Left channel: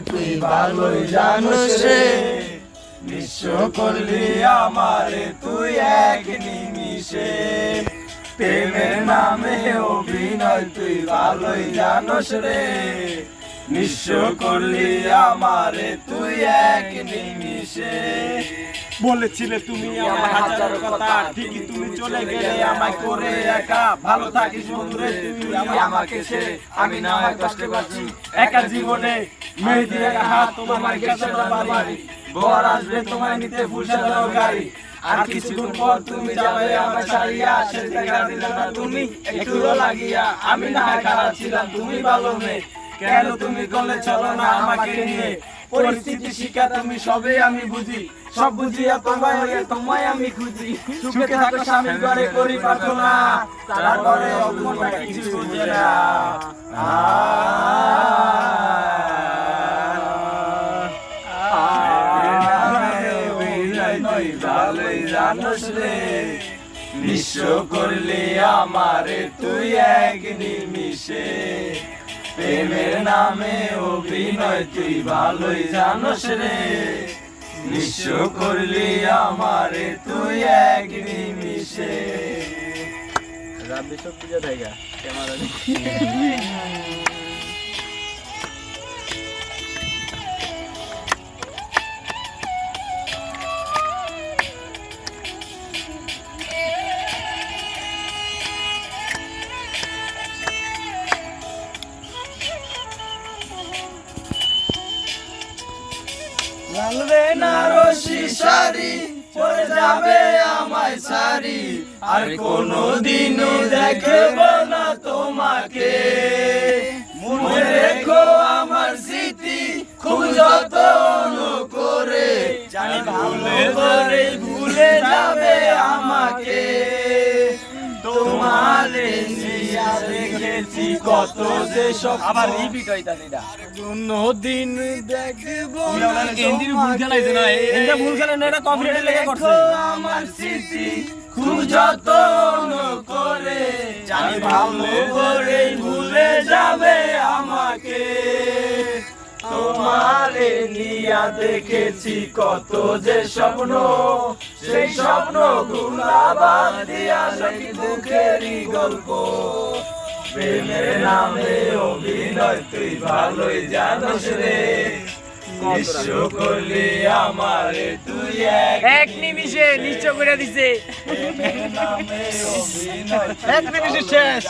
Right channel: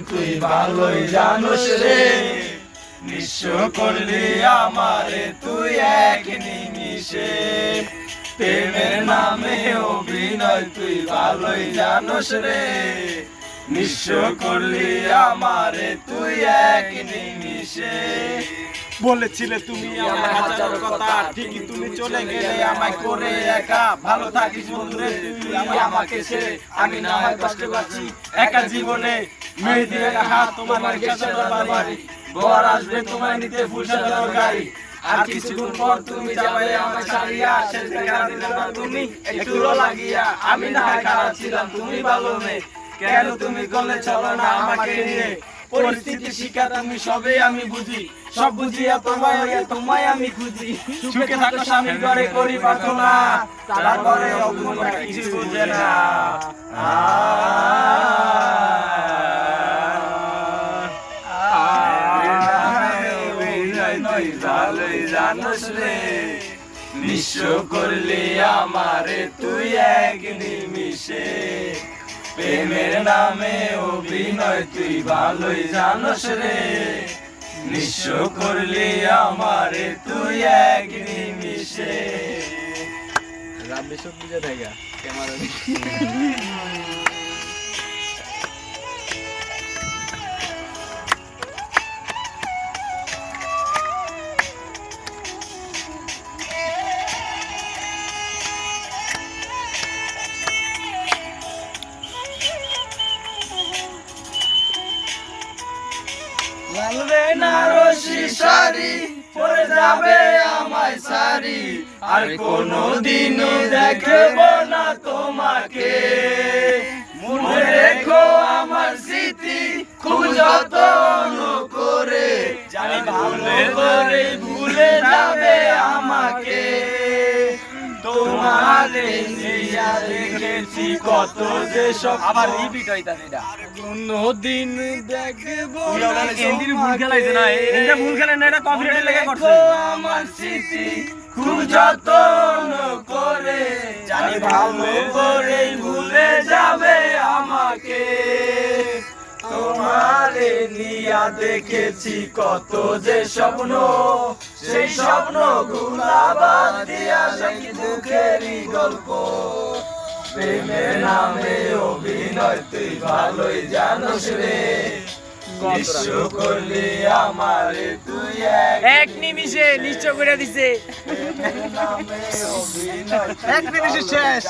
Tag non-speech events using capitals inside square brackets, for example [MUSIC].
তুই ভালোই জানোস রে? নিঃস্ব করলি আমারে তুই এক নিমিষে। প্রেমের নামে অভিনয় তুই ভালোই জানোস রে। নিঃস্ব করলি আমারে তুই এক নিমিষে। বলেছিলে তুমি আমার হাজার কথা ঠিকই তুমি চলে গেলে আমায় করে একা। ভালো থাকিস বন্ধুরে তুই আমাকে ছেড়ে। আমি না কষ্ট পাচ্ছি একা জীবনে হাত বাড়ি আসবে তোমায় নিতে পর তুমি ছাড়িয়া দেখা দিলে না তুমি না তুমি কেন তুমি করলে চলো না আমাকে নিয়ে? পরিস্থিতি শিকার আমি সবে আমি বুঝি। সব বুঝিয়া তোমায় তোমায় আমি খুঁজি। সুখে থাকো স্বামী করে তারপরে কিছু বুঝে না ভালোই জানোস রে। নিঃস্ব করলি আমারে তুই এক নিমিষে প্রেমের নামে অভিনয় তুই ভালোই জানোস রে। নিঃস্ব করলি আমারে তুই এক নিমিষে [LAUGHS] যাবে আমায় সারি। আর কোনো দিনও দেখব না তোমাকে। মনে রেখো আমার স্মৃতি, খুব করে। জানি ভালো করে ভুলে যাবে আমাকে। তোমারে নিয়া দেখেছি কত যে সব আবার রিপিট হইতাছে এটা। কোনদিন দেখব এন্দির ভুল খেলাইছে না? এন্দির ভুল খেলে না এটা কপিরাইট লেগে করছে। আমার স্মৃতি খুব যত্ন করে। জানি ভালো করে ভুলে যাবে আমাকে। নিয়া দেখেছি কত যে স্বপ্ন। সেই স্বপ্ন গুলাবাদ দিয়া সেই দুঃখেরই গল্প। প্রেমের নামে অভিনয় তুই ভালোই জানোস রে। বিশ্ব করলি আমারে তুই এক নিমিষে নিশ্চয় করে দিছে। এক নিমিষে শেষ।